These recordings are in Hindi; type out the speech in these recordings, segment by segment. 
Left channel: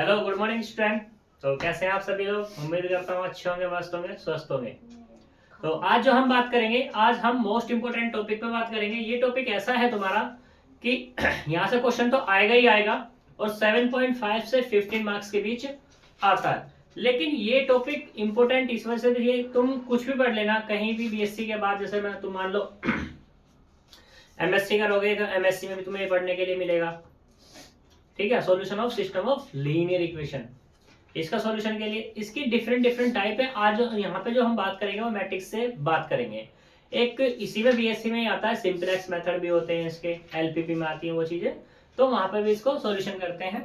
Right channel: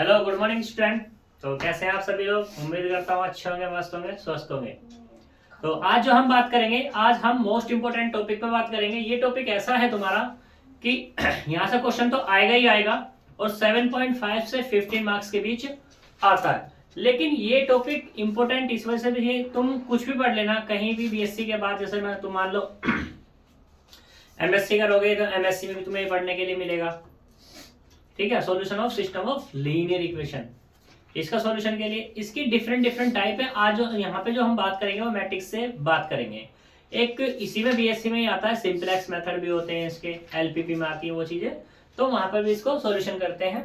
Hello, good morning student. तो कैसे हैं आप सभी लोग? उम्मीद करता हूँ अच्छे होंगे, मस्त होंगे, स्वस्थ होंगे। तो आज जो हम बात करेंगे, आज हम मोस्ट इंपोर्टेंट टॉपिक पे बात करेंगे। ये टॉपिक ऐसा है तुम्हारा कि यहाँ से क्वेश्चन तो आएगा ही आएगा और 7.5 से 15 मार्क्स के बीच आता है। लेकिन ये टॉपिक इंपोर्टेंट इस वजह से भी है, तुम कुछ भी पढ़ लेना कहीं भी बीएससी के बाद, जैसे मैं तुम मान लो एमएससी करोगे तो एमएससी में भी तुम्हें ये पढ़ने के लिए मिलेगा। ठीक है, solution of system of linear equation. इसका सॉल्यूशन के लिए इसकी डिफरेंट डिफरेंट टाइप है। आज जो यहाँ पे जो हम बात करेंगे वो मैट्रिक्स से बात करेंगे। एक इसी में बीएससी में ही आता है, सिंपलेक्स मेथड भी होते हैं इसके, एलपीपी में आती है वो चीजें, तो वहां पर भी इसको सॉल्यूशन करते हैं।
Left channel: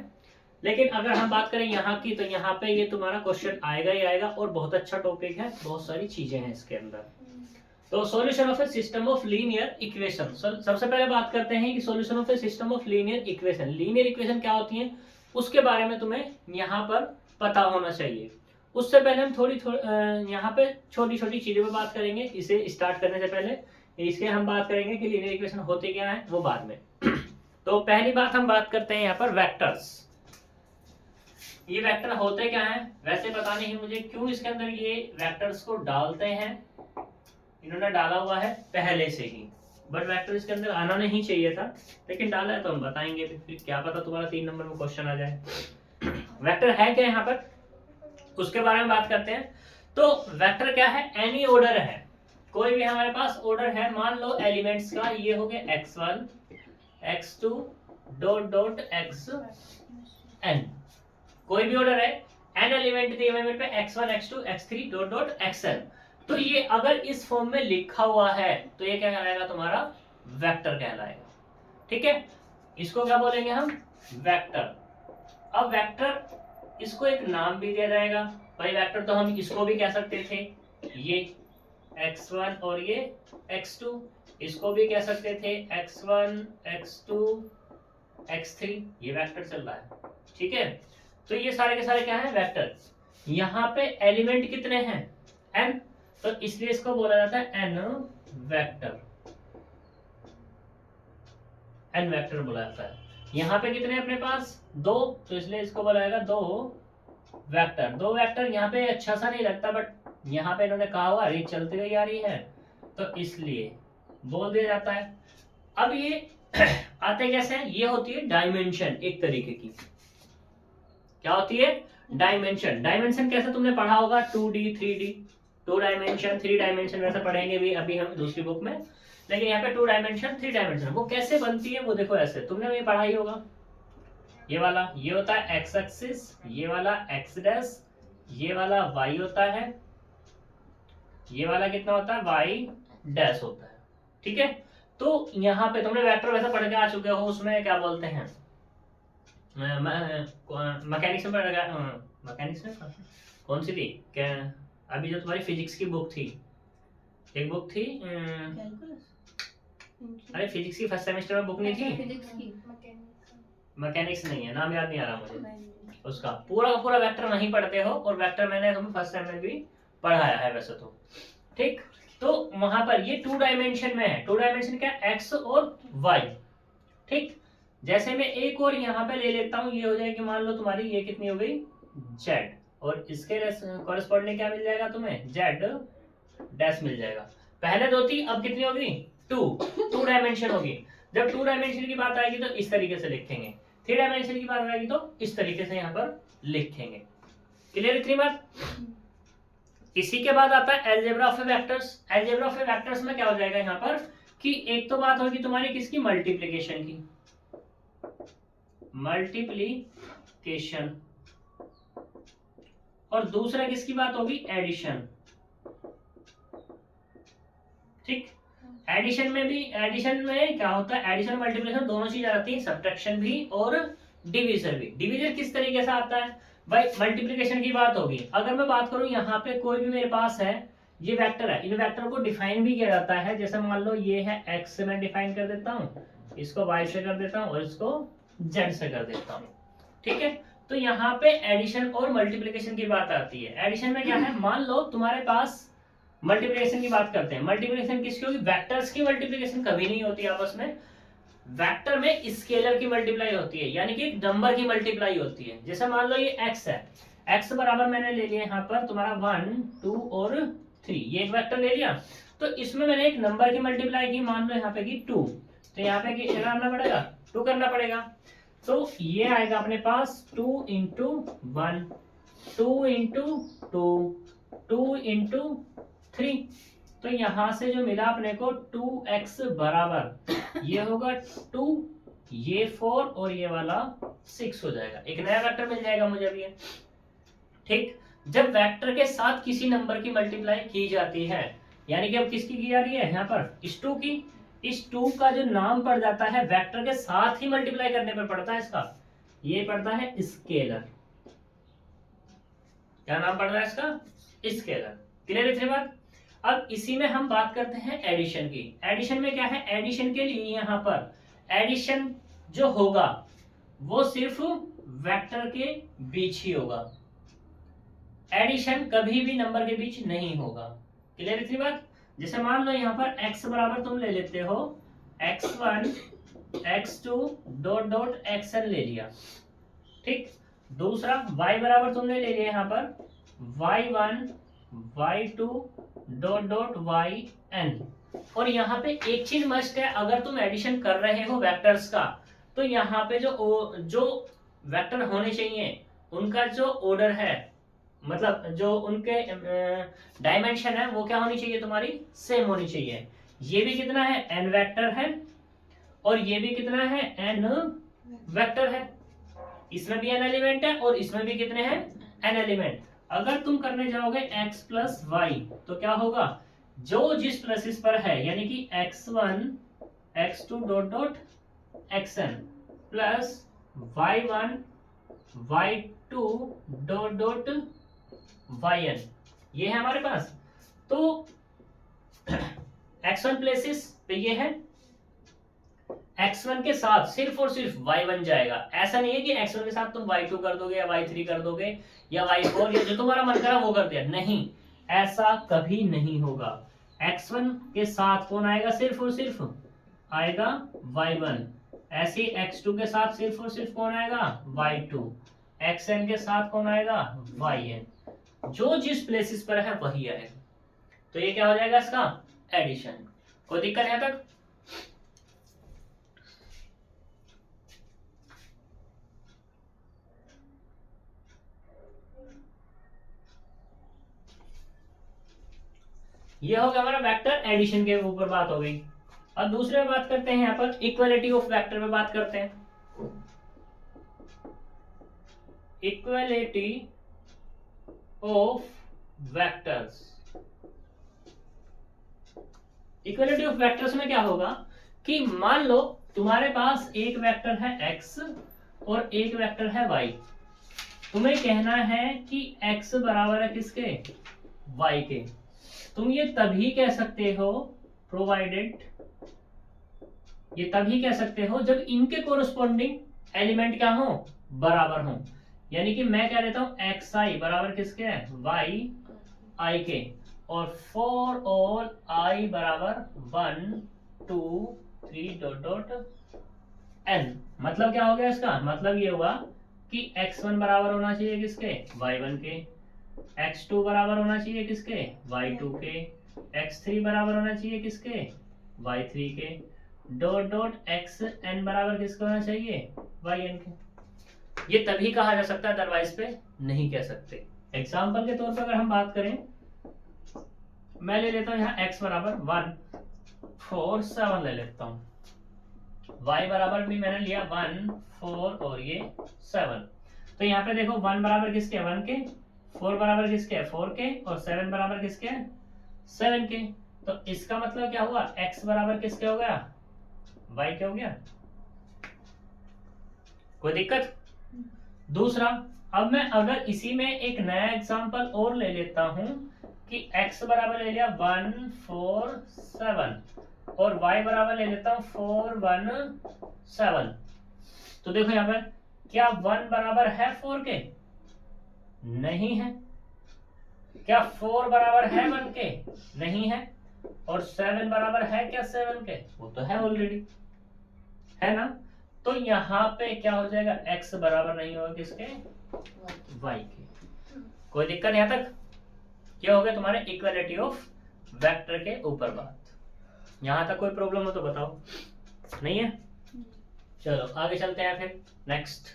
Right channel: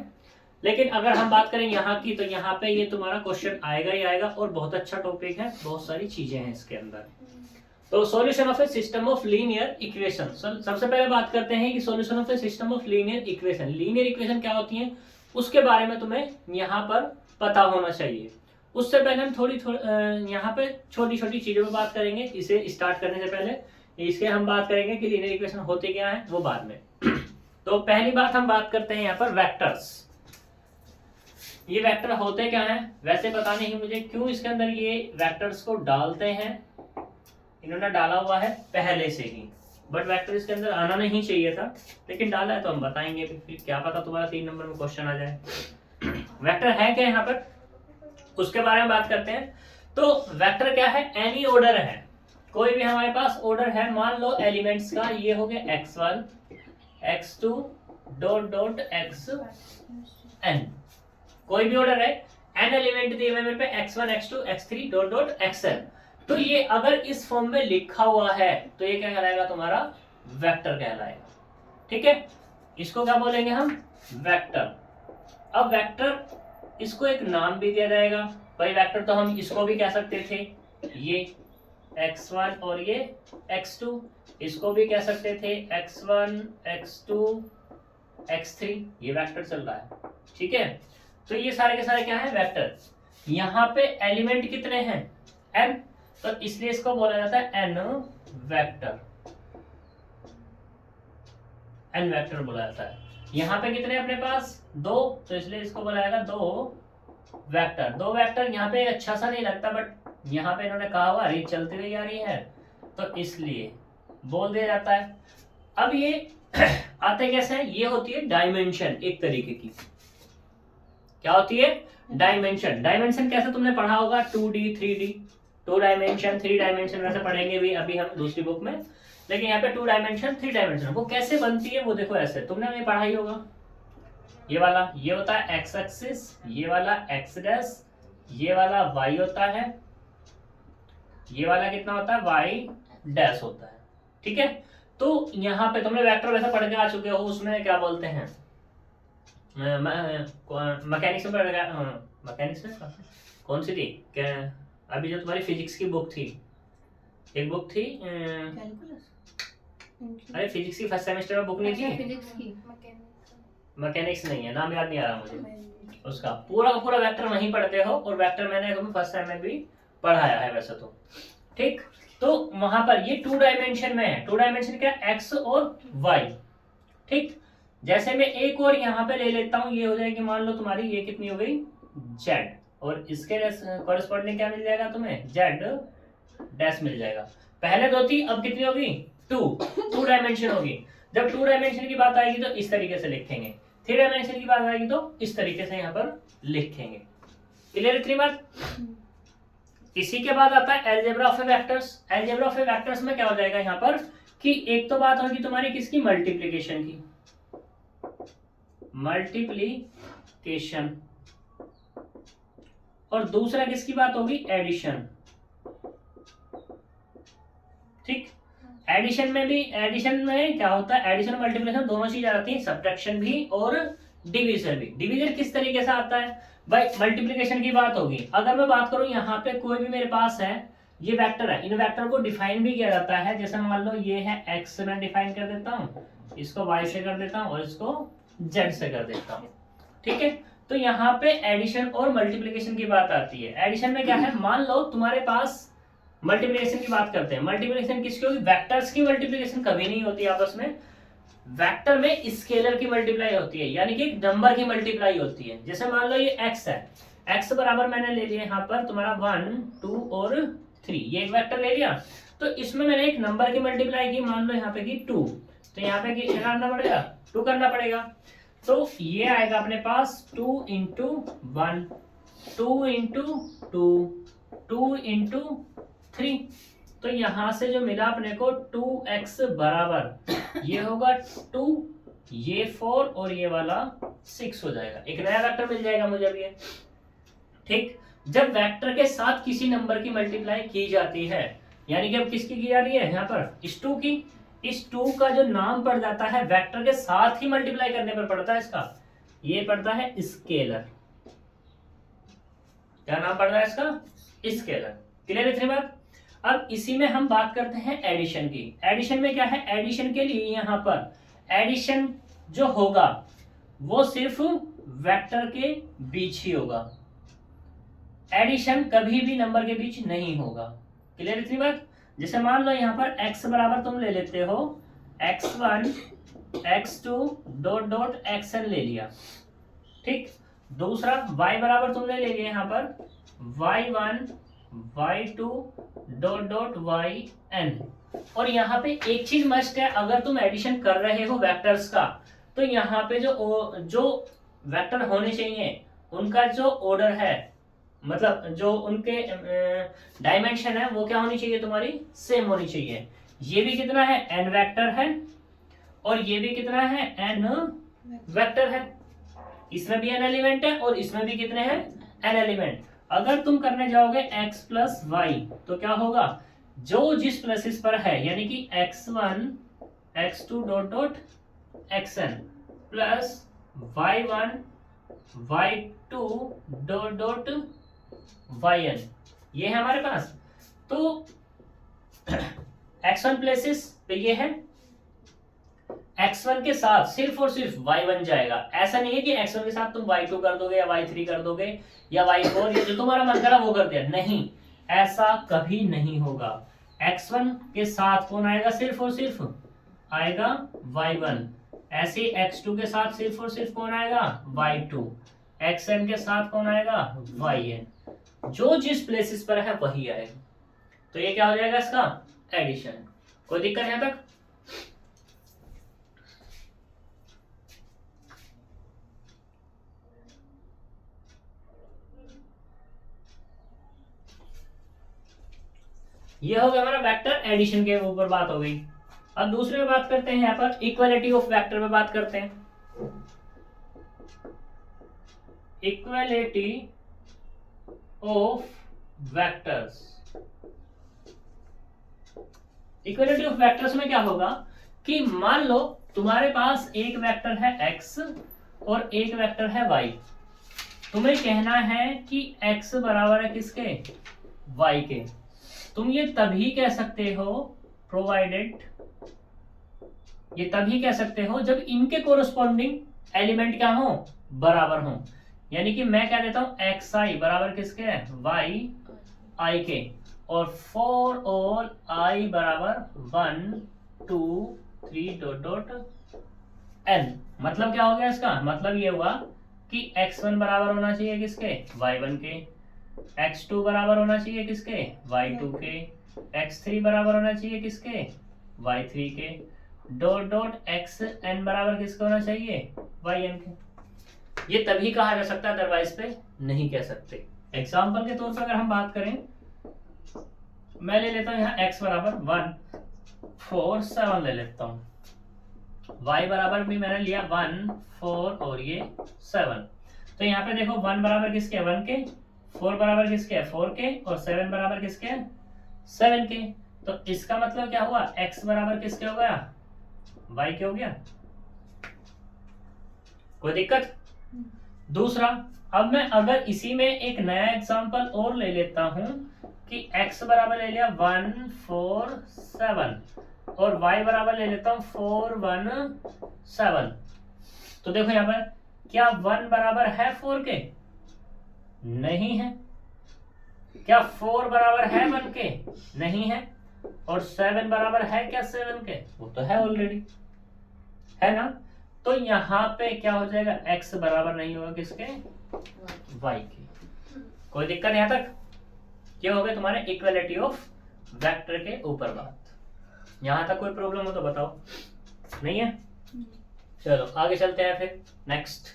लेकिन अगर हम बात करें यहाँ की, तो यहाँ पे ये तुम्हारा क्वेश्चन आएगा ही आएगा और बहुत अच्छा टॉपिक है, बहुत सारी चीजें हैं इसके अंदर। तो solution of A system of linear equation. सबसे पहले बात करते हैं कि solution of A system of linear equation, linear equation क्या होती है उसके बारे में तुम्हें यहाँ पर पता होना चाहिए। उससे पहले हम थोड़ी यहाँ पे छोटी छोटी चीजों पे बात करेंगे। इसे स्टार्ट करने से पहले इसके हम बात करेंगे कि लीनियर इक्वेशन होती क्या है, वो बाद में। तो पहली बात हम बात करते हैं यहाँ पर वेक्टर्स। ये वेक्टर होते क्या है, वैसे पता नहीं मुझे क्यों इसके अंदर ये वेक्टर्स को डालते हैं, इन्होंने डाला हुआ है पहले से ही, बट वेक्टर इसके अंदर आना नहीं चाहिए था, लेकिन डाला है तो हम बताएंगे। फिर क्या पता तुम्हारा 3 नंबर में क्वेश्चन आ जाए। वेक्टर है क्या यहाँ पर, उसके बारे में बात करते हैं। तो वेक्टर क्या है, एनी ऑर्डर है, कोई भी हमारे पास ऑर्डर है। मान लो एलिमेंट्स का ये हो गया x1 x2 dot dot xn, कोई भी ऑर्डर है, n एलिमेंट दिए हुए मेरे पे x1 x2 x3 dot dot xn। तो ये अगर इस फॉर्म में लिखा हुआ है तो ये क्या कहलाएगा, तुम्हारा वेक्टर कहलाएगा। ठीक है, इसको क्या बोलेंगे हम, वेक्टर। अब वेक्टर, इसको एक नाम भी दिया जाएगा। भाई वेक्टर तो हम इसको भी कह सकते थे, ये x1 और ये x2, इसको भी कह सकते थे x1 x2 x3, ये वेक्टर चल रहा है। ठीक है, तो ये सारे के सारे क्या है, वेक्टर। यहाँ पे एलिमेंट कितने हैं, n, तो इसलिए इसको बोला जाता है n वेक्टर, n वेक्टर बोला जाता है। यहाँ पे कितने अपने पास, 2, तो इसलिए इसको बोला जाएगा 2 वेक्टर। 2 वेक्टर यहाँ पे अच्छा सा नहीं लगता, बट यहाँ पे इन्होंने कहा हुआ रीत चलती हुई आ रही है तो इसलिए बोल दिया जाता है। अब ये आते कैसे हैं, ये होती है डायमेंशन एक तरीके की। क्या होती है, डायमेंशन। डायमेंशन कैसे तुमने पढ़ा होगा, 2D 3D, 2 डायमेंशन 3 डायमेंशन वैसे पढ़ेंगे भी अभी हम दूसरी बुक में, लेकिन यहाँ पे 2 डायमेंशन 3 डायमेंशन वो कैसे बनती है वो देखो ऐसे, तुमने भी पढ़ा ही होगा। ये वाला ये होता है एक्स एक्सिस, ये वाला एक्स डैश, ये वाला वाई होता है, ये वाला कितना होता है, वाई डैश होता है। ठीक है, तो यहाँ पे तुमने वेक्टर वैसे पढ़ के आ चुके हो, उसमें क्या बोलते हैं, मैकेनिक्स में पढ़ गया, मैकेनिक्स में कौन सी थी क्या, अभी जो तुम्हारी फिजिक्स की बुक थी, एक बुक थी, अरे फिजिक्स की फर्स्ट सेमेस्टर में बुक नहीं थी, फिजिक्स की मैकेनिक्स नहीं है, नाम याद नहीं आ रहा मुझे उसका। पूरा का पूरा वेक्टर नहीं पढ़ते हो, और वेक्टर मैंने तुम्हें फर्स्ट टाइम में भी पढ़ाया है वैसे तो। ठीक, तो वहां पर ये 2 डायमेंशन में है। 2 डायमेंशन क्या, एक्स और वाई। ठीक, जैसे मैं एक और यहाँ पे ले लेता हूँ, ये हो जाएगी मान लो तुम्हारी ये कितनी हो गई, जेड, और इसके कॉरेस्पॉन्डिंग क्या मिल जाएगा तुम्हें, जेड डैश मिल जाएगा। पहले 2 थी, अब कितनी होगी, 2 डायमेंशन होगी। जब 2 डायमेंशन की बात आएगी तो इस तरीके से लिखेंगे, 3 डायमेंशन की बात आएगी तो इस तरीके से यहाँ पर लिखेंगे। क्लियर इतनी बात। इसी के बाद आता है algebra of vectors. Algebra of vectors में क्या हो जाएगा यहाँ पर कि एक तो बात होगी तुम्हारी किसकी, मल्टीप्लीकेशन की, मल्टीप्लीकेशन, और दूसरा किसकी बात होगी, एडिशन। ठीक, एडिशन में भी, एडिशन में क्या होता है, एडिशन और मल्टीप्लिकेशन दोनों चीज आती है, सब्ट्रैक्शन भी और डिवीजन भी। डिवीजन किस तरीके से आता है भाई, मल्टीप्लिकेशन की बात होगी। अगर मैं बात करूं यहाँ पे कोई भी मेरे पास है, ये वेक्टर है, इन वेक्टर को डिफाइन भी किया जाता है। जैसे मान लो ये है एक्स से मैं डिफाइन कर देता हूँ, इसको वाई से कर देता हूँ और इसको जेड से कर देता हूँ। ठीक है, तो यहाँ पे एडिशन और मल्टीप्लिकेशन की बात आती है। एडिशन में क्या है, मान लो तुम्हारे पास, मल्टीप्लिकेशन की बात करते हैं, मल्टीप्लिकेशन किसकी होगी, वेक्टर्स की मल्टीप्लिकेशन कभी नहीं होती आपस में, वेक्टर में स्केलर की मल्टीप्लाई होती है, यानी कि एक नंबर की मल्टीप्लाई होती है। जैसे मान लो ये x है, x बराबर मैंने ले लिया यहाँ पर तुम्हारा 1 2 और 3, ये एक वेक्टर ले लिया। तो इसमें मैंने एक नंबर की मल्टीप्लाई की, मान लो यहाँ पे की 2, तो यहाँ पे क्या करना पड़ेगा, 2 करना पड़ेगा। तो ये आएगा अपने पास 2 इंटू 1, 2 इंटू 2, 2 इंटू 3। तो यहां से जो मिला अपने को 2x बराबर ये होगा 2, ये 4 और ये वाला 6 हो जाएगा। एक नया वेक्टर मिल जाएगा मुझे अभी। ठीक, जब वेक्टर के साथ किसी नंबर की मल्टीप्लाई की जाती है, यानी कि अब किसकी की जा रही है यहाँ पर, इस 2 की, इस 2 का जो नाम पड़ जाता है वेक्टर के साथ ही मल्टीप्लाई करने पर पड़ता है इसका, ये पड़ता है स्केलर। क्या नाम पड़ रहा है इसका, स्केलर। क्लियर इतनी बात। अब इसी में हम बात करते हैं एडिशन की। एडिशन में क्या है, एडिशन के लिए यहाँ पर एडिशन जो होगा वो सिर्फ वेक्टर के बीच ही होगा, एडिशन कभी भी नंबर के बीच नहीं होगा। क्लियर इतनी बात। जैसे मान लो यहाँ पर x बराबर तुम ले लेते हो x1 x2 dot dot xn ले लिया। ठीक, दूसरा y बराबर तुमने ले लिया यहाँ पर y1 y2 dot dot yn। और यहाँ पे एक चीज मस्ट है, अगर तुम एडिशन कर रहे हो वेक्टर्स का, तो यहाँ पे जो वेक्टर होने चाहिए उनका जो ऑर्डर है, मतलब जो उनके डायमेंशन है वो क्या होनी चाहिए, तुम्हारी सेम होनी चाहिए। ये भी कितना है, n वेक्टर है, और ये भी कितना है, n वेक्टर है। इसमें भी n एलिमेंट है और इसमें भी कितने हैं, n एलिमेंट। अगर तुम करने जाओगे x प्लस वाई, तो क्या होगा, जो जिस प्लसेस पर है, यानी कि x1 x2 dot dot xn plus y1 y2 dot dot yn, ये है हमारे पास। तो x1 प्लेसेस पे ये है, x1 के साथ सिर्फ और सिर्फ y1 जाएगा। ऐसा नहीं है कि x1 के साथ तुम y2 कर दोगे या y3 कर दोगे या y4 या जो तुम्हारा मन करा वो कर दिया, नहीं, ऐसा कभी नहीं होगा। x1 के साथ कौन आएगा, सिर्फ और सिर्फ आएगा y1। ऐसे ही x2 के साथ सिर्फ और सिर्फ कौन आएगा, y2। xn के साथ कौन आएगा, yn। जो जिस प्लेसेस पर है वही आएगा। तो ये क्या हो जाएगा इसका, एडिशन। कोई दिक्कत यहां तक। ये हो गया हमारा वेक्टर एडिशन के ऊपर बात हो गई। अब दूसरे में बात करते हैं, यहाँ पर इक्वालिटी ऑफ वेक्टर में बात करते हैं। Equality of vectors. Equality of vectors में क्या होगा कि मान लो तुम्हारे पास एक वेक्टर है x और एक वेक्टर है y। तुम्हें कहना है कि x बराबर है किसके, y के। तुम ये तभी कह सकते हो, प्रोवाइडेड, ये तभी कह सकते हो जब इनके कोरोस्पोंडिंग एलिमेंट क्या हो, बराबर हो। यानी कि मैं क्या देता हूं, xi बराबर किसके है, yi के, और फॉर ऑल i बराबर 1 2 3 डॉट डॉट n। मतलब क्या हो गया इसका, मतलब ये हुआ कि x1 बराबर होना चाहिए किसके, y1 के, x2 बराबर होना चाहिए किसके, y2 के, x3 बराबर होना चाहिए किसके, y3 के, डॉट डॉट xn बराबर किसका होना चाहिए, yn के। ये तभी कहा जा सकता है, अदरवाइज पे नहीं कह सकते। एग्जाम्पल के तौर पर अगर हम बात करें, मैं ले लेता हूं यहाँ x बराबर 1 4 7 ले लेता हूं, y बराबर भी मैंने लिया 1 4 और ये 7। तो यहाँ पे देखो 1 बराबर किसके, 1 के, 4 बराबर किसके, 4 के, और 7 बराबर किसके, 7 के। तो इसका मतलब क्या हुआ, x बराबर किसके हो गया, y के हो गया। कोई दिक्कत। दूसरा, अब मैं अगर इसी में एक नया एग्जांपल और ले लेता हूं कि x बराबर ले लिया 1 4 7 और y बराबर ले लेता हूं 4 1 7। तो देखो यहाँ पर क्या 1 बराबर है 4 के, नहीं है। क्या 4 बराबर है 1 के, नहीं है। और 7 बराबर है क्या 7 के, वो तो है ऑलरेडी। है ना। तो यहाँ पे क्या हो जाएगा, x बराबर नहीं होगा किसके, y के। कोई दिक्कत यहाँ तक? क्या हो गया तुम्हारे इक्वलिटी ऑफ वेक्टर के ऊपर बात। यहाँ तक कोई प्रॉब्लम हो तो बताओ, नहीं है? चलो आगे चलते हैं फिर नेक्स्ट।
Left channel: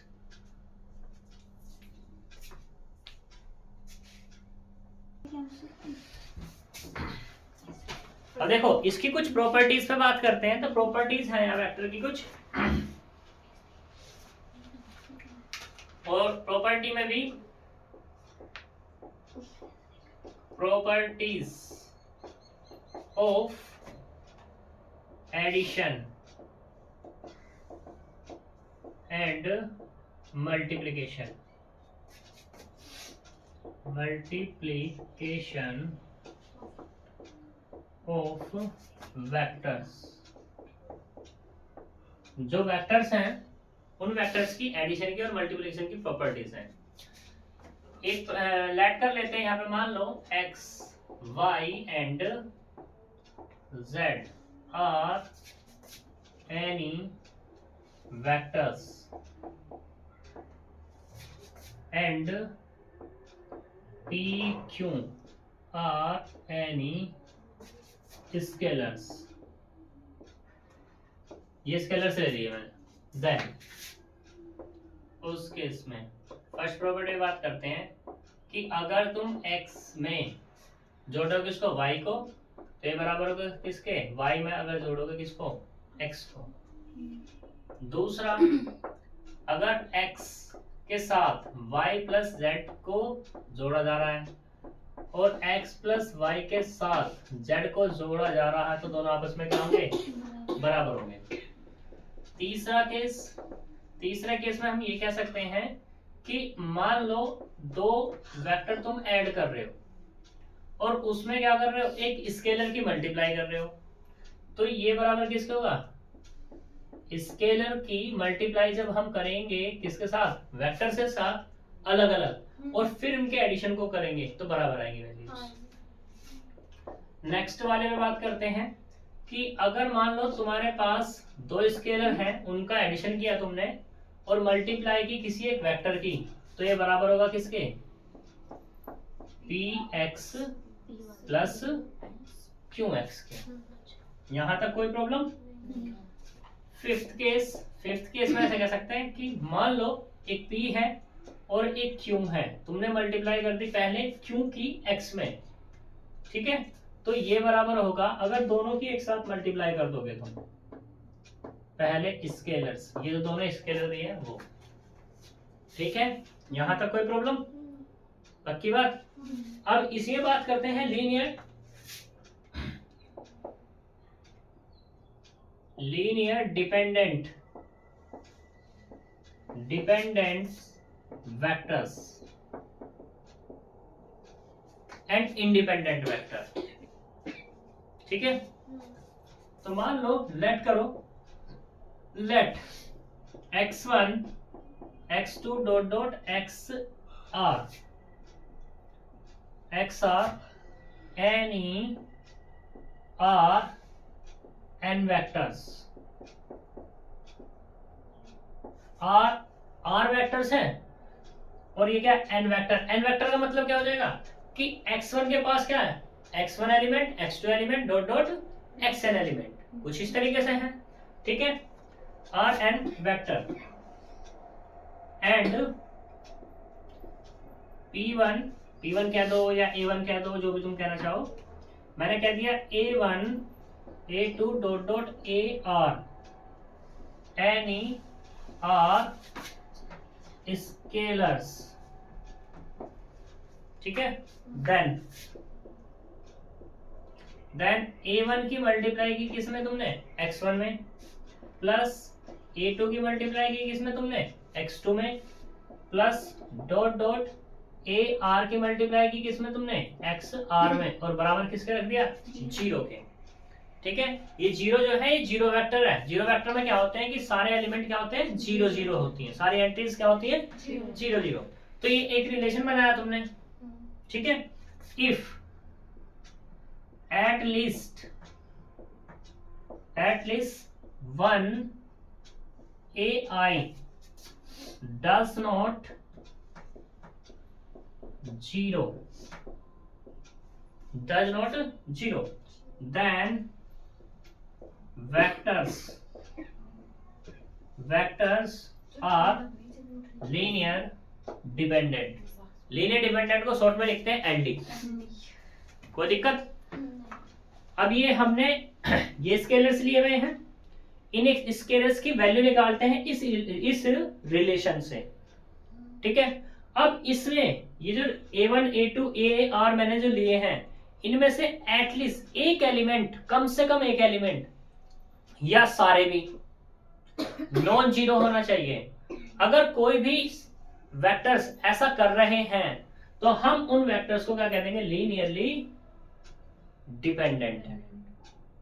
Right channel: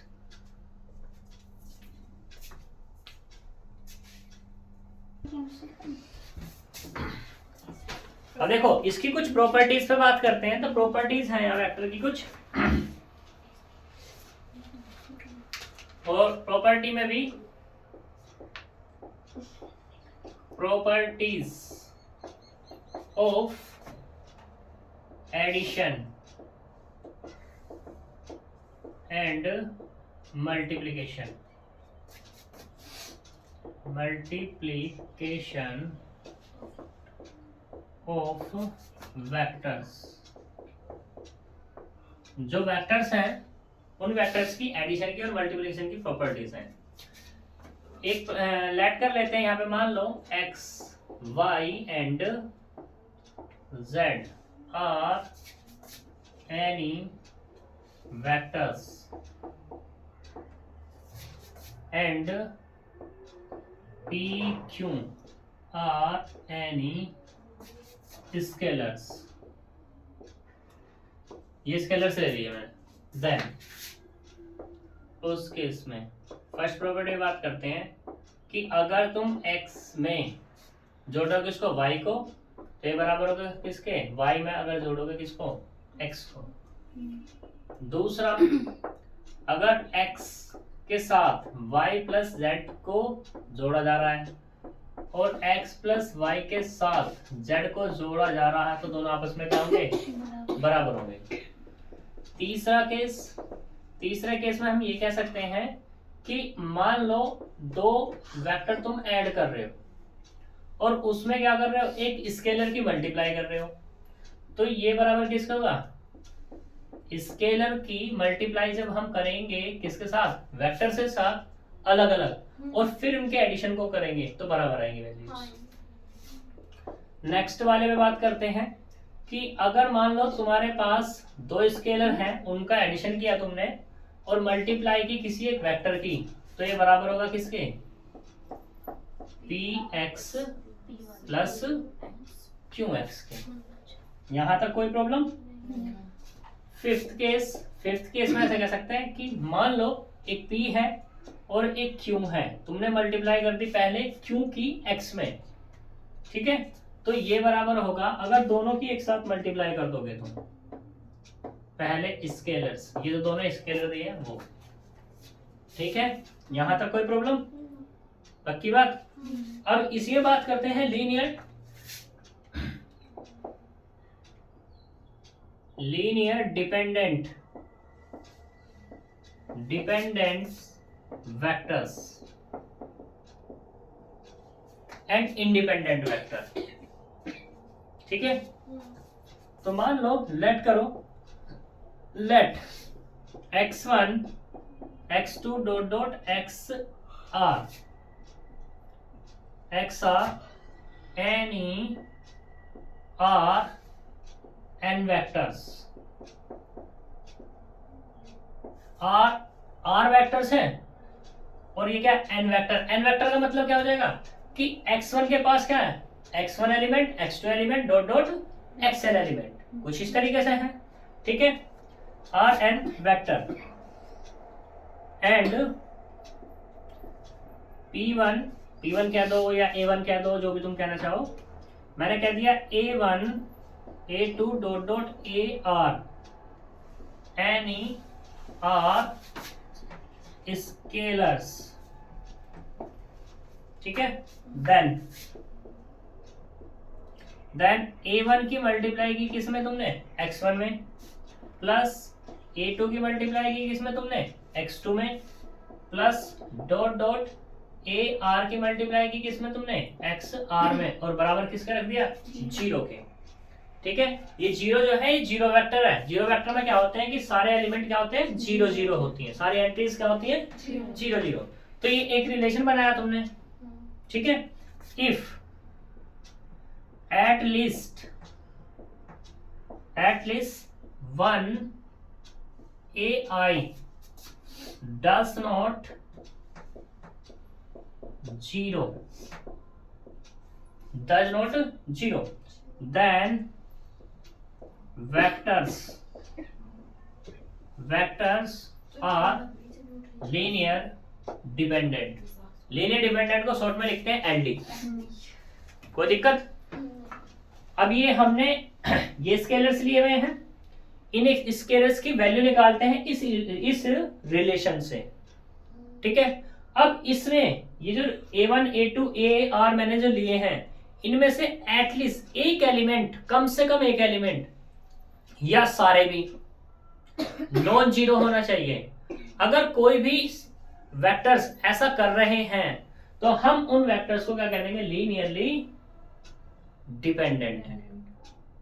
अब देखो इसकी कुछ प्रॉपर्टीज पे बात करते हैं। तो प्रॉपर्टीज है यहाँ वेक्टर की कुछ, और प्रॉपर्टी में भी properties of addition and multiplication of vectors. जो वेक्टर्स हैं उन वेक्टर्स की एडिशन की और मल्टीप्लिकेशन की प्रॉपर्टीज हैं। एक लेट कर लेते हैं यहाँ पे, मान लो x y and z are any vectors and p q are any scalars. ये स्केलर से ले लिए मैंने। देन उस केस में फर्स्ट प्रॉपर्टी बात करते हैं कि अगर तुम x में जोड़ोगे किसको, y को, तो ये बराबर होगा किसके, y में अगर जोड़ोगे किसको, x को। दूसरा, अगर x के साथ y प्लस z को जोड़ा जा रहा है और x प्लस y के साथ z को जोड़ा जा रहा है, तो दोनों आपस में क्या होंगे, बराबर होंगे। तीसरे केस में हम ये कह सकते हैं कि मान लो दो वेक्टर तुम ऐड कर रहे हो और उसमें क्या कर रहे हो, एक स्केलर की मल्टीप्लाई कर रहे हो, तो ये बराबर किसका होगा, स्केलर की मल्टीप्लाई जब हम करेंगे किसके साथ, वेक्टर से साथ अलग अलग, और फिर इनके एडिशन को करेंगे तो बराबर आएंगे वैल्यूज। नेक्स्ट वाले में बात करते हैं कि अगर मान लो तुम्हारे पास दो स्केलर हैं, उनका एडिशन किया तुमने और मल्टीप्लाई की किसी एक वेक्टर की, तो ये बराबर होगा किसके, px प्लस qx के। यहां तक कोई प्रॉब्लम? फिफ्थ केस में ऐसा कह सकते हैं कि मान लो एक p है और एक q है, तुमने मल्टीप्लाई कर दी पहले q की x में, ठीक है, तो ये बराबर होगा, अगर दोनों की एक साथ मल्टीप्लाई कर दोगे तुम, पहले स्केलर्स, ये जो दोनों स्केलर दिए हैं वो, ठीक है। यहां तक कोई प्रॉब्लम? पक्की बात। अब इसी में बात करते हैं linear dependent vectors and independent vector, ठीक है। तो मान लो लेट करो, let x1 x2 dot dot xr any r n vectors. r vectors हैं और ये क्या, n वेक्टर। n वेक्टर का मतलब क्या हो जाएगा कि x1 के पास क्या है, x1 element, x2 element, dot dot xn element, कुछ इस तरीके से है, ठीक है। rn वेक्टर एंड p1 कह दो या a1 कह दो, जो भी तुम कहना चाहो। मैंने कह दिया a1 a2 dot dot ar any r scalars, ठीक है। देन a1 की मल्टीप्लाई की किस में तुमने, x1 में, प्लस a2 की मल्टीप्लाई की किस में तुमने, x2 में, प्लस डॉट डॉट ar की मल्टीप्लाई की किस में तुमने, xr में, और बराबर किसका रख दिया, जीरो के, ठीक है। ये जीरो जो है ये जीरो वेक्टर है। जीरो वेक्टर में क्या होते हैं कि सारे एलिमेंट क्या होते हैं, जीरो जीरो होती हैं, सारी एंट्रीज क्या होती है, जीरो जीरो। तो ये एक रिलेशन बनाया तुमने, ठीक है। If at least one AI does not zero then vectors are linear dependent। Linear dependent को शॉर्ट में लिखते हैं एलडी। कोई दिक्कत? अब ये हमने ये स्केलर्स लिए हुए हैं, इन स्केलर्स की वैल्यू निकालते हैं इस रिलेशन से, ठीक है। अब इसमें ये जो A1 A2 AR मैंने जो लिए हैं, इनमें से एटलीस्ट एक एलिमेंट, कम से कम एक एलिमेंट या सारे भी नॉन जीरो होना चाहिए। अगर कोई भी वेक्टर्स ऐसा कर रहे हैं तो हम उन वेक्टर्स को क्या कह देंगे? लीनियरली डिपेंडेंट है,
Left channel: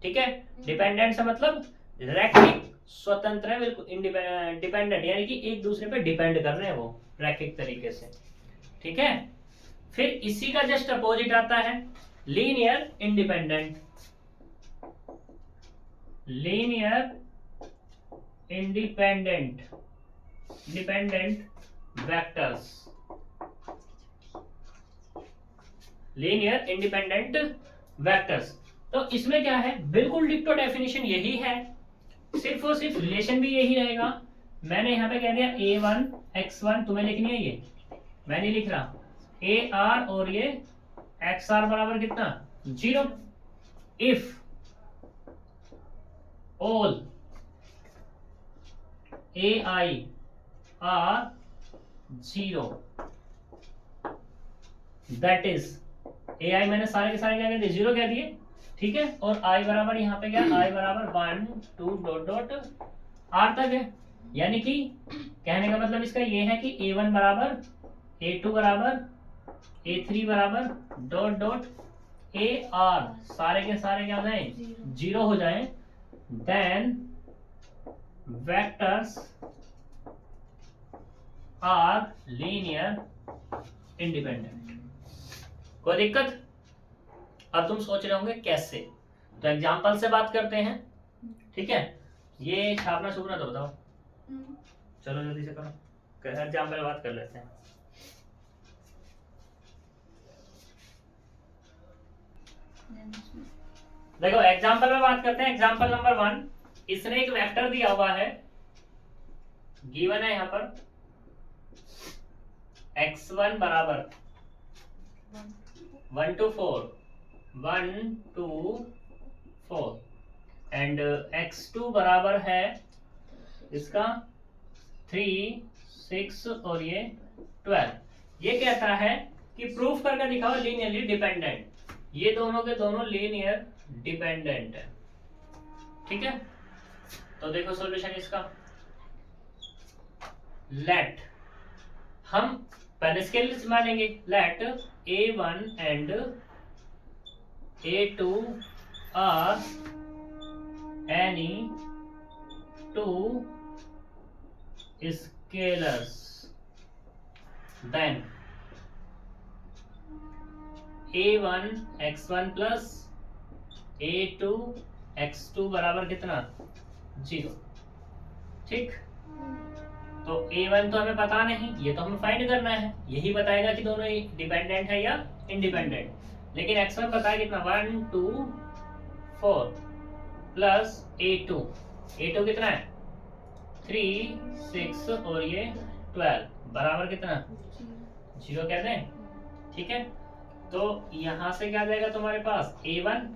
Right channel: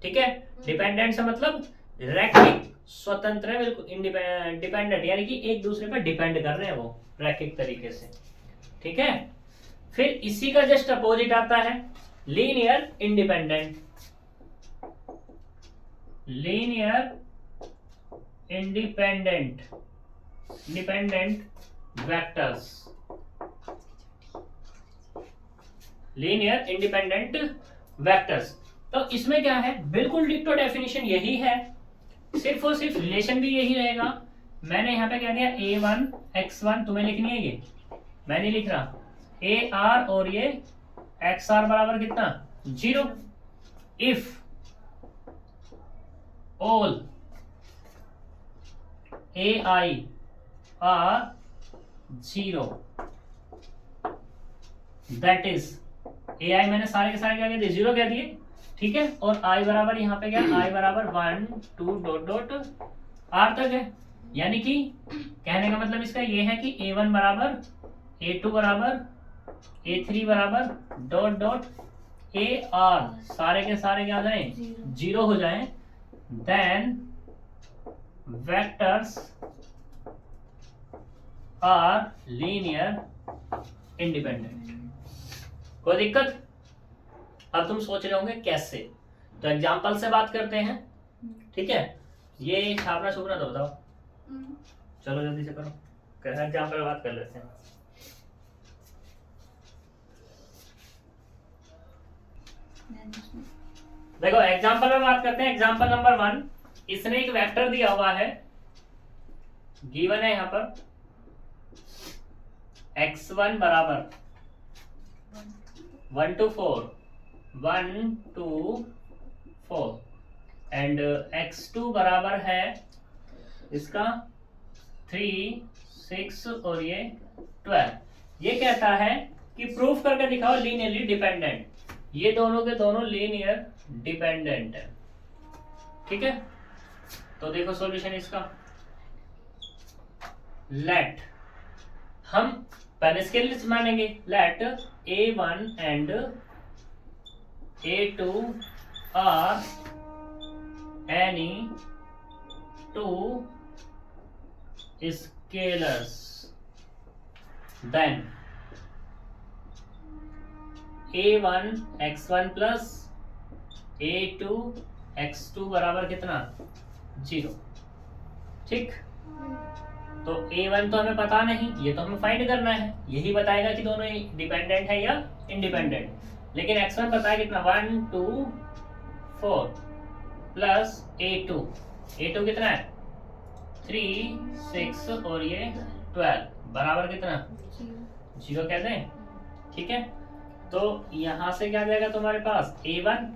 ठीक है। डिपेंडेंट से मतलब रैखिक, स्वतंत्र है, बिल्कुल डिपेंडेंट यानी कि एक दूसरे पर डिपेंड कर रहे हैं वो रैखिक तरीके से, ठीक है। फिर इसी का जस्ट अपोजिट आता है linear independent. Linear independent vectors, linear independent vectors. तो इसमें क्या है? बिल्कुल डिक्टो डेफिनेशन यही है, सिर्फ और सिर्फ रिलेशन भी यही रहेगा। मैंने यहाँ पे कह दिया A1 X1, तुम्हें लिखनी है ये, मैं नहीं लिख रहा, AR और ये XR बराबर कितना? 0। If all AI are 0 that is AI मैंने सारे के सारे क्या कह दिए? 0 कह दिए, ठीक है। और I बराबर यहाँ पे क्या? I बराबर 1 2 डॉट डॉट R तक है। यानी कि कहने का मतलब इसका ये है कि A1 बराबर A2 बराबर A3 बराबर डॉट डॉट AR सारे के सारे क्या हो जाए? 0 हो जाए। Then vectors are linear independent. कोई दिक्कत? अब तुम सोच रहे होंगे कैसे, तो एग्जांपल से बात करते हैं, ठीक है। ये छापना छुपना तो बताओ, चलो जल्दी से करो, एग्जांपल बात कर लेते हैं। देखो एग्जांपल में बात करते हैं। एग्जांपल नंबर 1, इसने एक वेक्टर दिया हुआ है, गिवन है यहाँ पर x1 बराबर 1 to 4 एंड x2 बराबर है इसका 3 6 और ये 12। ये कहता है कि प्रूफ करके दिखाओ लीनियरली डिपेंडेंट। ये दोनों के दोनों लीनियर डिपेंडेंट है, ठीक है। तो देखो सॉल्यूशन इसका, लेट हम पहले स्केल मानेंगे, let A1 and A2 are any two scalars, then A1 x1 plus A2 x2 बराबर कितना? 0, ठीक। तो A1 तो हमें पता नहीं, ये तो हमें फाइंड करना है, यही बताएगा कि दोनों डिपेंडेंट है या इंडिपेंडेंट। लेकिन x1 पता है कितना? 1 2 4 प्लस A2 कितना है? 3 6 और ये 12 बराबर कितना? 0 कहते हैं, ठीक है। तो यहां से क्या जाएगा तुम्हारे पास? A1।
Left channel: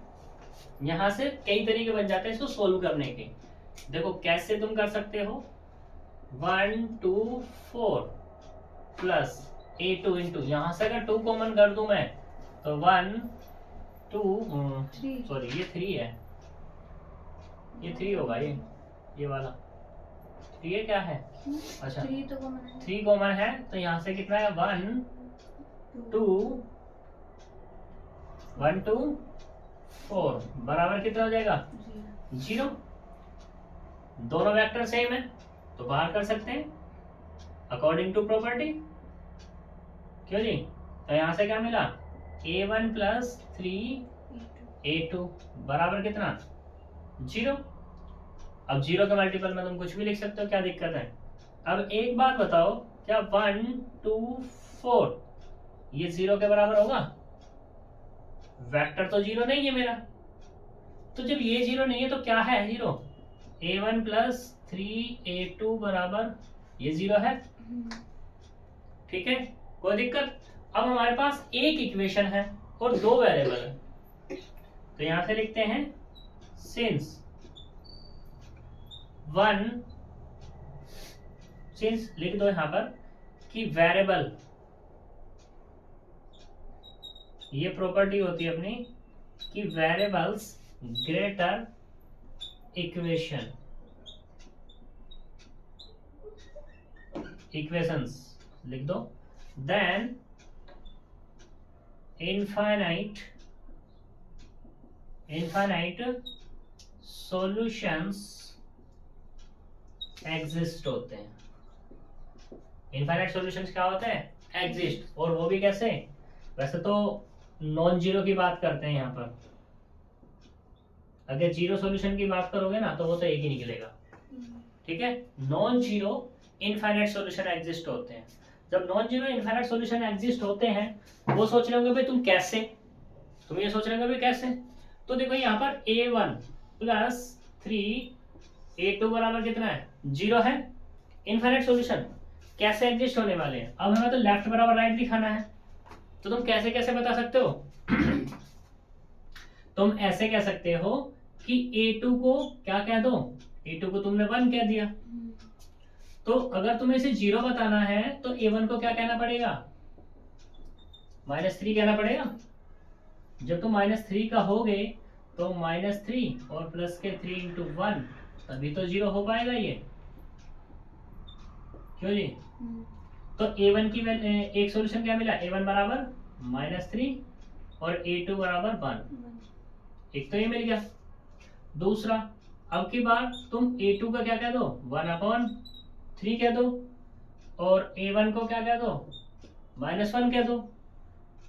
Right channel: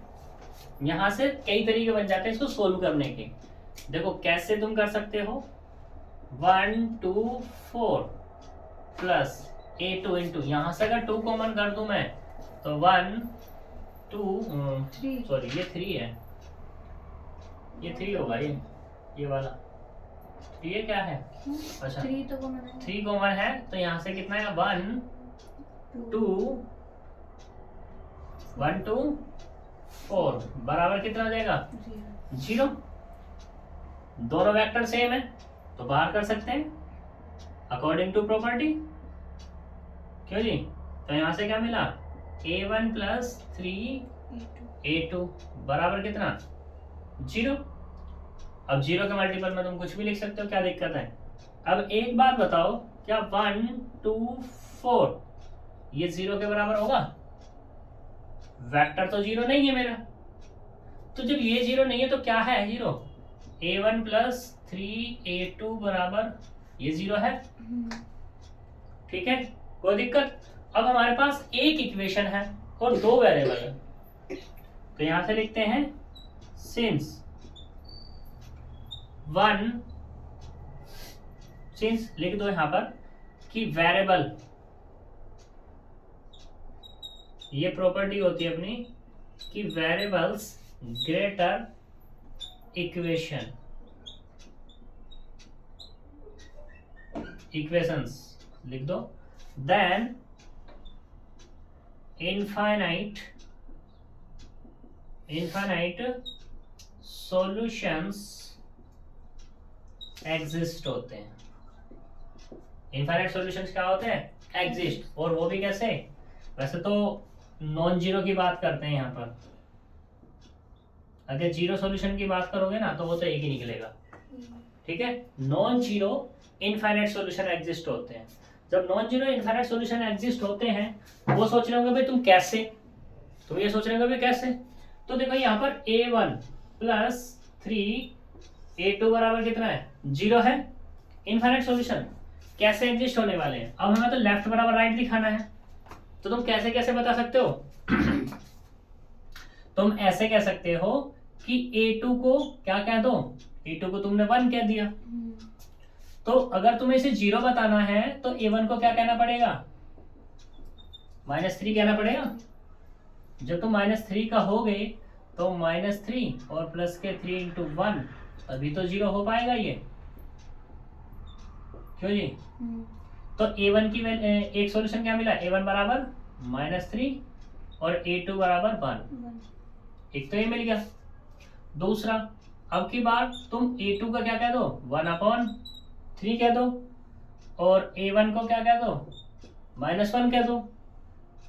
यहां से कई तरीके बन जाते हैं इसको सोल्व करने के। देखो कैसे तुम कर सकते हो, 1 2 4 प्लस A2 इंटू, यहां से अगर 2 कॉमन कर दूं मैं तो 1 2 सॉरी ये 3 है, ये 3 होगा, ये वाला ये क्या है? अच्छा 3 तो कॉमन है, 3 कॉमन है, तो यहाँ से कितना है? 1 2 4 बराबर कितना हो जाएगा? 0। दोनों वेक्टर सेम है तो बाहर कर सकते हैं अकॉर्डिंग टू प्रॉपर्टी, क्यों जी। तो यहाँ से क्या मिला? A1 प्लस 3 A2 बराबर कितना? 0। अब 0 के मल्टीपल में तुम कुछ भी लिख सकते हो, क्या दिक्कत है। अब एक बात बताओ, क्या 1 2 4 ये 0 के बराबर होगा? वेक्टर तो 0 नहीं है मेरा, तो जब ये 0 नहीं है तो क्या है 0? a1 प्लस 3a2 बराबर ये 0 है। ठीक है, कोई दिक्कत। अब हमारे पास एक इक्वेशन है और दो वेरिएबल है, तो यहां से लिखते हैं सिंस लिख दो यहां पर कि वेरिएबल, ये प्रॉपर्टी होती है अपनी कि वेरिएबल्स ग्रेटर इक्वेशंस लिख दो देन इनफाइनाइट सॉल्यूशंस एग्जिस्ट होते हैं। इनफाइनाइट सॉल्यूशंस क्या होते हैं? एग्जिस्ट। और वो भी कैसे? वैसे तो नॉन जीरो की बात करते हैं यहाँ पर, अगर जीरो सॉल्यूशन की बात करोगे ना तो वो तो एक ही निकलेगा। ठीक है, non zero infinite solution exist होते हैं। जब non zero infinite solution exist होते हैं, वो सोच रहे होंगे भाई तुम कैसे, तुम ये सोच रहे होंगे भाई कैसे। तो देखो यहाँ पर a1 प्लस 3a2 बराबर कितना है? 0 है। इनफाइनाइट सॉल्यूशन कैसे एग्जिस्ट होने वाले हैं? अब हमें तो लेफ्ट बराबर राइट दिखाना है, तो तुम कैसे कैसे बता सकते हो? तुम ऐसे कह सकते हो कि a2 को क्या कह दो, a2 को तुमने 1 कह दिया, तो अगर तुम्हें इसे 0 बताना है तो a1 को क्या कहना पड़ेगा? -3 कहना पड़ेगा। जब तुम -3 का हो गए तो -3 और प्लस के 3 इंटू 1, तभी तो 0 हो पाएगा ये, क्यों जी? तो a1 की एक सॉल्यूशन क्या मिला? a1 बराबर -3 और a2 बराबर 1, एक तो ये मिल गया। दूसरा, अब की बार तुम a2 का क्या कह दो? 1/3 कह दो, और a1 को क्या कह दो? -1 कह दो।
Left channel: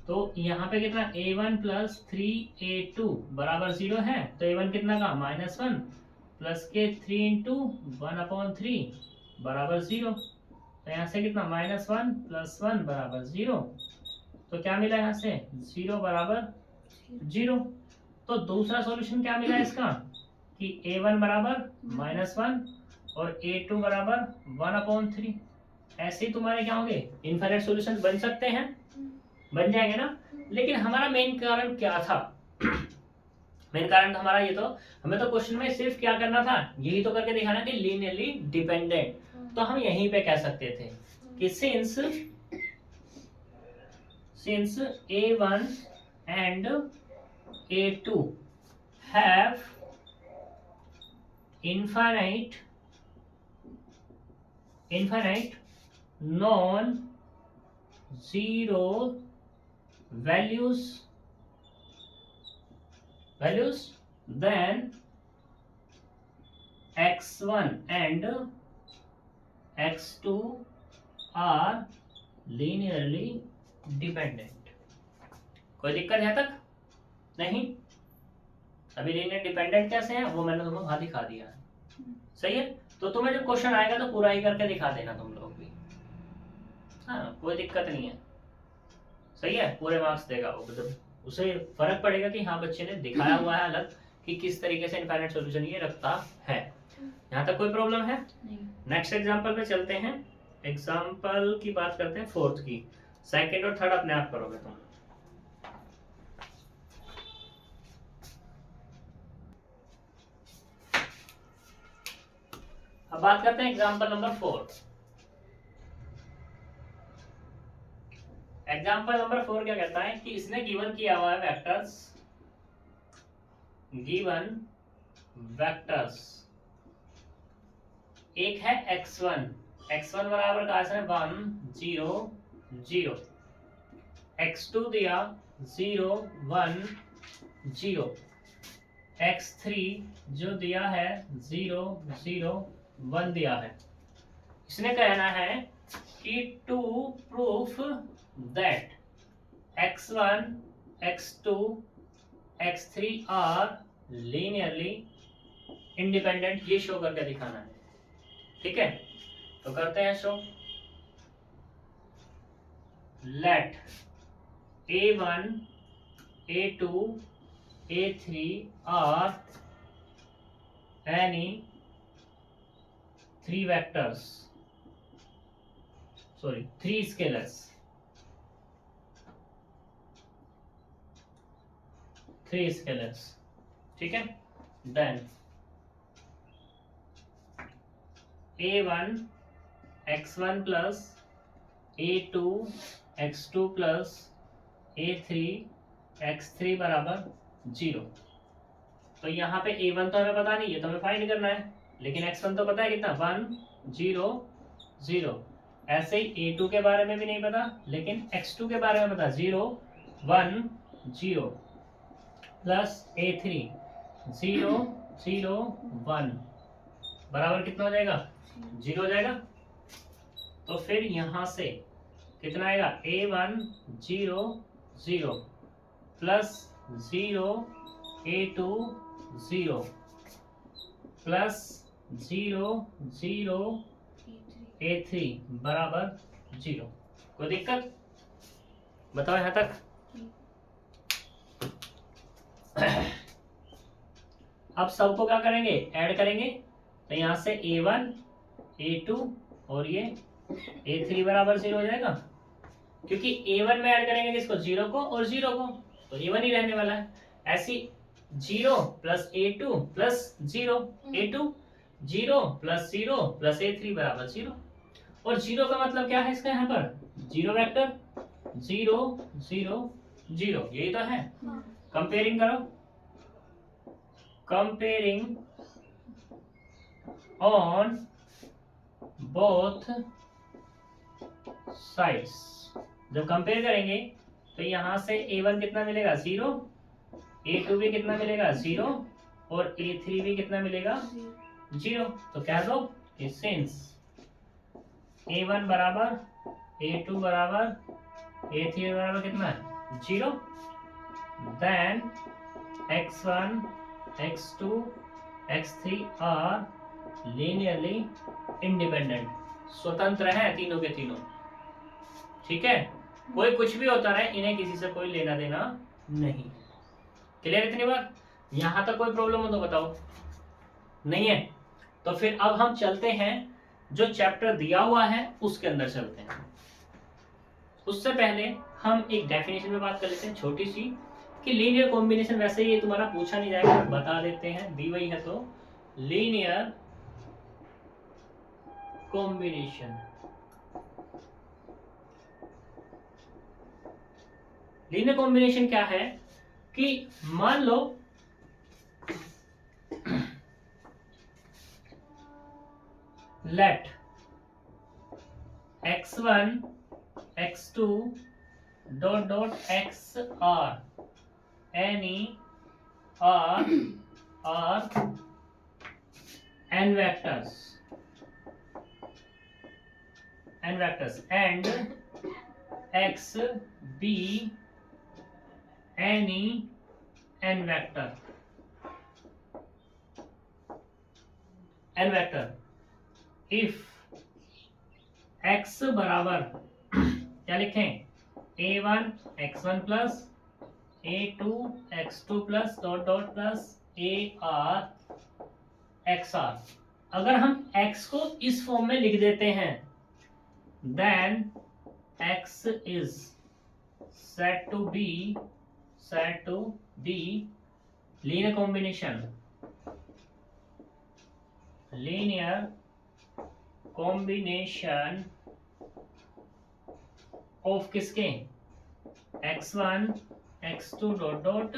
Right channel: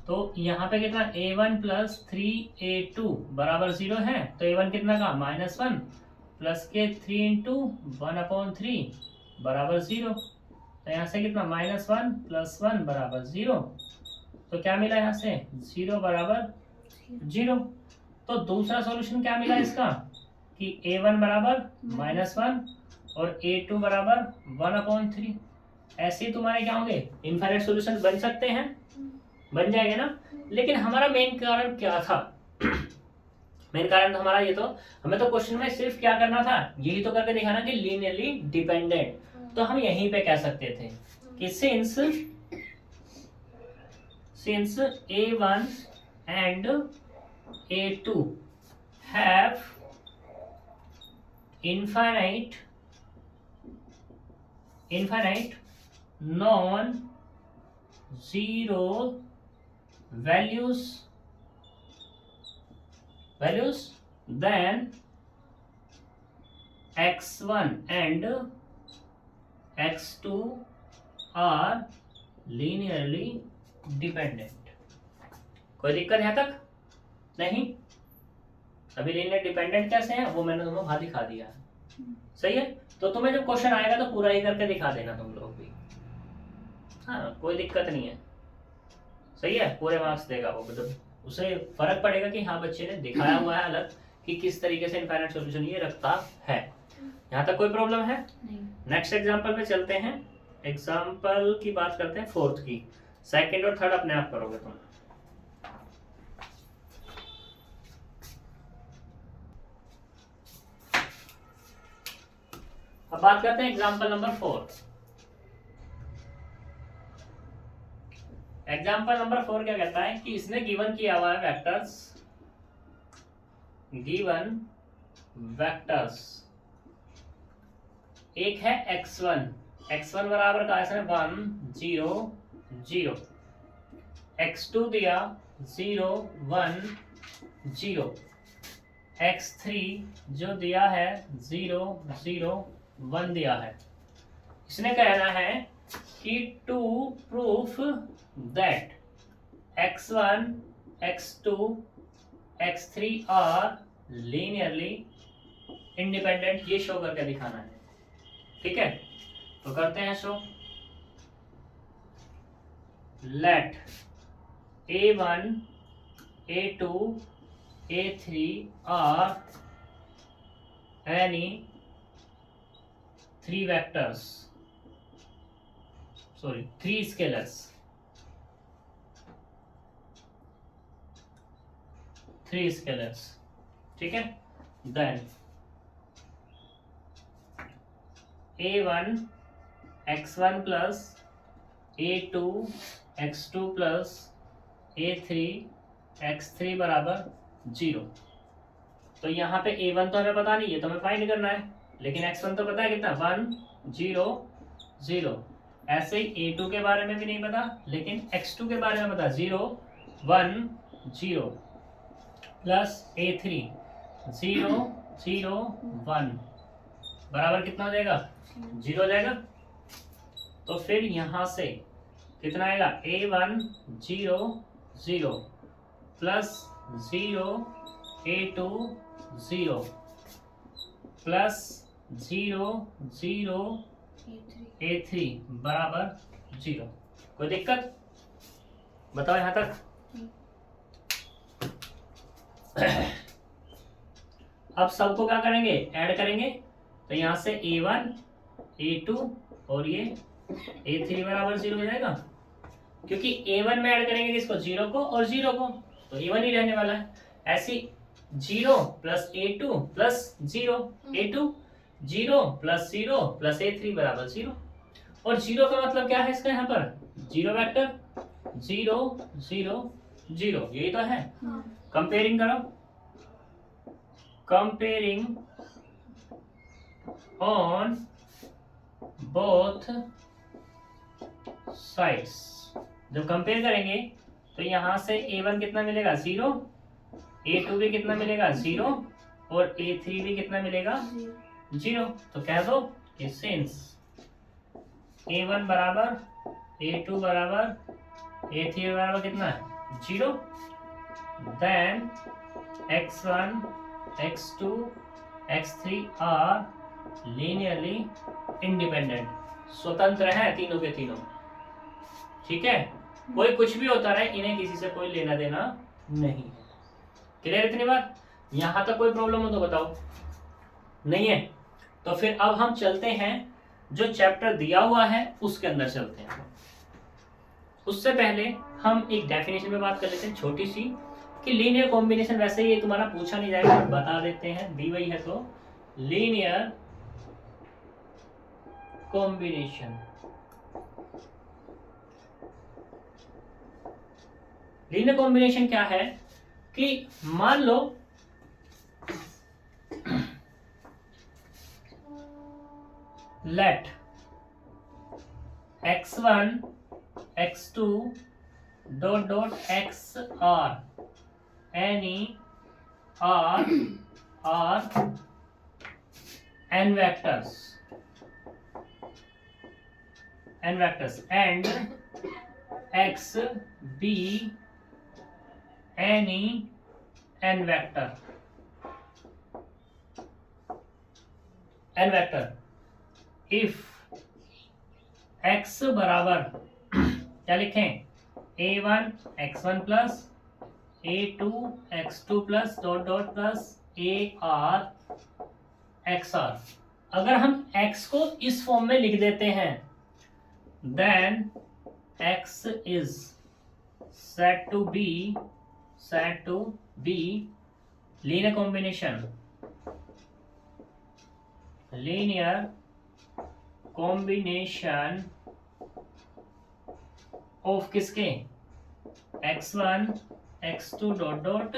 तो यहाँ पे कितना? a1 प्लस 3a2 बराबर 0 है, तो a1 कितना का? -1 प्लस के 3 इंटू 1/3 बराबर 0। तो यहाँ से कितना? -1 प्लस 1 बराबर 0। तो क्या मिला यहाँ से? 0 बराबर 0। तो दूसरा सॉल्यूशन क्या मिला इसका कि a1 बराबर -1 और a2 बराबर 1/3। ऐसे ही तुम्हारे क्या होंगे? इनफाइनाइट सॉल्यूशन बन सकते हैं, बन जाएंगे ना। लेकिन हमारा मेन कारण क्या था? मेन कारण तो हमारा ये, तो हमें तो क्वेश्चन में सिर्फ क्या करना था, यही तो करके दिखाना थी, लीनियरली डिपेंडेंट। तो हम यहीं पे कह सकते थे कि since a1 and a2 have infinite non-zero values, then x1 and x2 are linearly dependent। कोई दिक्कत यहाँ तक नहीं? अभी लीनियर डिपेंडेंट कैसे हैं वो मैंने तुम्हें वहां दिखा दिया है। सही है, तो तुम्हें जब क्वेश्चन आएगा तो पूरा ही करके दिखा देना तुम लोग भी। हाँ, कोई दिक्कत नहीं है। सही है, पूरे मार्क्स देगा वो, मतलब उसे फर्क पड़ेगा कि हाँ बच्चे ने दिखाया हुआ है अलग कि किस तरीके से इनफाइनाइट सॉल्यूशन ये रखता है। यहाँ तक कोई प्रॉब्लम है? नेक्स्ट एग्जांपल पे चलते हैं। एग्जांपल की बात करते हैं फोर्थ की। सेकंड और थर्ड अपने आप करोगे तुम। अब बात करते हैं एग्जांपल नंबर 4। एग्जांपल नंबर 4 क्या कहता है कि इसने गिवन किया हुआ है वेक्टर्स, गिवन वेक्टर्स। एक है x1 बराबर का है 1 0 0, x2 दिया 0 1 0, x3 जो दिया है 0 0 1 दिया है। इसने कहना है कि to proof that x1 x2 x3 are linearly independent, ये शो करके दिखाना है। ठीक है, तो करते हैं show. Let A1 A2 A3 are any three scalars, ठीक है। Then A1 x1 plus A2 x2 plus A3 x3 बराबर 0। तो यहाँ पे A1 तो हमें पता नहीं है, तो हमें फाइंड करना है, लेकिन x1 तो पता है कितना, 1 0 0। ऐसे ही A2 के बारे में भी नहीं पता, लेकिन x2 के बारे में पता, 0 1 0 प्लस A3 0 0 1 बराबर कितना हो जाएगा, 0 हो जाएगा। तो फिर यहाँ से कितना आएगा, A1 0 0 plus 0 A2 0 plus 0 0 A3 बराबर 0। कोई दिक्कत बताओ यहाँ तक? अब सबको क्या करेंगे, ऐड करेंगे। तो यहाँ से A1 A2 और ये A3 बराबर 0 हो जाएगा, क्योंकि A1 में ऐड करेंगे किसको, 0 को और 0 को, तो A1 ही रहने वाला है। ऐसी 0 plus A2 plus 0 A2 0 plus 0 plus A3 बराबर 0। और 0 का मतलब क्या है इसका, यहाँ पर 0 वेक्टर 0 0 0, यही तो है। कंपेयरिंग करो, कंपेयरिंग ऑन बोथ साइड्स। जब कंपेयर करेंगे तो यहां से A1 कितना मिलेगा, 0, A2 भी कितना मिलेगा, 0, और A3 भी कितना मिलेगा, 0। तो कह दो कि सिंस A1 बराबर A2 बराबर A3 बराबर कितना है, 0, then x1 x2 x3 are linearly independent, स्वतंत्र है तीनों के तीनों। ठीक है, कोई कुछ भी होता रहे, इन्हें किसी से कोई लेना देना नहीं है। क्लियर इतनी बात? यहां तक कोई प्रॉब्लम हो तो बताओ, नहीं है तो फिर अब हम चलते हैं, जो चैप्टर दिया हुआ है उसके अंदर चलते हैं। उससे पहले हम एक डेफिनेशन में बात कर लेते हैं छोटी सी, कि लीनियर कॉम्बिनेशन, वैसे ये तुम्हारा पूछा नहीं जाएगा, बता देते हैं, दी हुई है। तो लीनियर कॉम्बिनेशन, लीनियर कॉम्बिनेशन क्या है कि मान लो let x1 x2 dot dot x are any r n vectors and x be any n vector if x बराबर क्या लिखें, A1 x1 plus A2 x2 plus dot dot plus AR XR। अगर हम x को इस फॉर्म में लिख देते हैं, then x is said to be linear combination of किसके, x1 x2 dot dot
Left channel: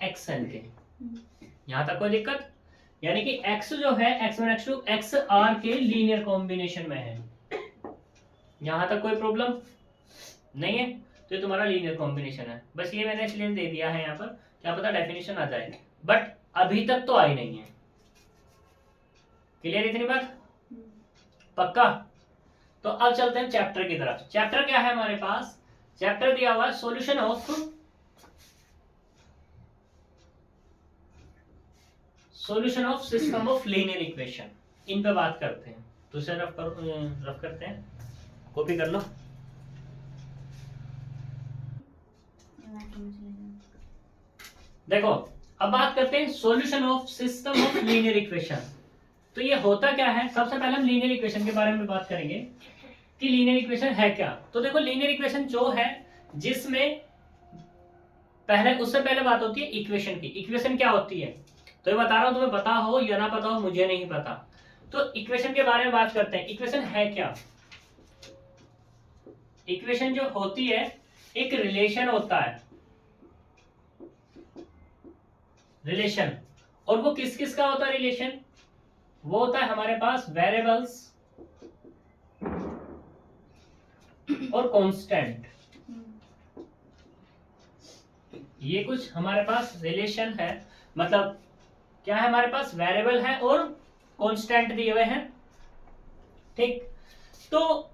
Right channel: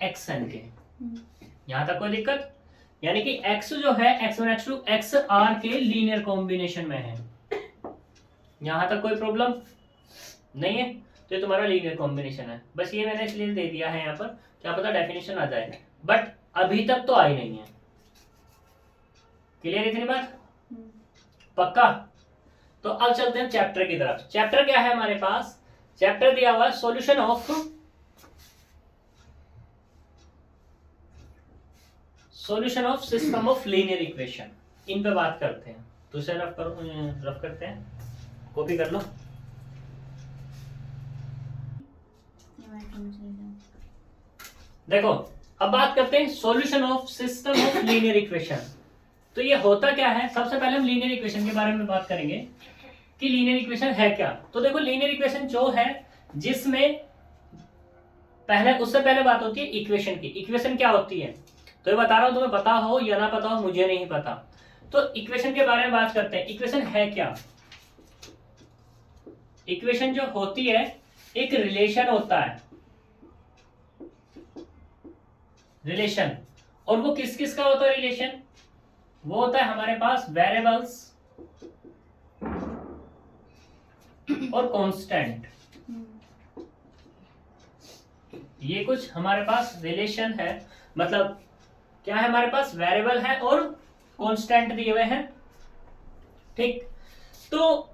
xn के। यहां तक कोई दिक्कत? यानी कि x जो है x1 x2 xr के लीनियर कॉम्बिनेशन में है। यहां तक कोई प्रॉब्लम नहीं है, तो ये तुम्हारा लीनियर कॉम्बिनेशन है। बस ये मैंने इसलिए दे दिया है यहाँ पर, क्या पता डेफिनेशन आ जाए, बट अभी तक तो आई नहीं है। क्लियर इतनी बात? पक्का? तो अब चलते हैं चैप्टर की तरफ। चैप्टर क्या है हमारे पास? चैप्टर दिया हुआ solution of system of linear equation, इन पे बात करते हैं। तो इसे रफ करते हैं, कॉपी कर लो। देखो अब बात करते हैं solution of system of linear equation. तो ये होता क्या है, सबसे पहले हम लीनियर इक्वेशन के बारे में बात करेंगे कि लीनियर इक्वेशन है क्या। तो देखो लीनियर इक्वेशन जो है जिसमें पहले, उससे पहले बात होती है इक्वेशन की। इक्वेशन क्या होती है, तो ये बता रहा हूं, तुम्हें पता हो या ना पता हो मुझे नहीं पता। तो इक्वेशन के बारे में बात करते हैं। इक्वेशन है क्या, इक्वेशन जो होती है एक रिलेशन होता है, रिलेशन। और वो किस किस का होता है रिलेशन, वो होता है हमारे पास वेरिएबल्स और कांस्टेंट। ये कुछ हमारे पास रिलेशन है, मतलब क्या है, हमारे पास वेरिएबल है और कांस्टेंट दिए हुए हैं। ठीक, तो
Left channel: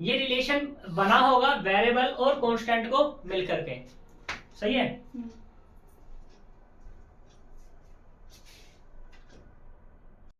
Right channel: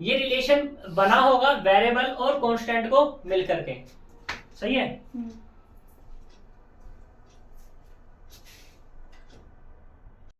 ये रिलेशन बना होगा वेरिएबल और कांस्टेंट को मिलकर के, सही है।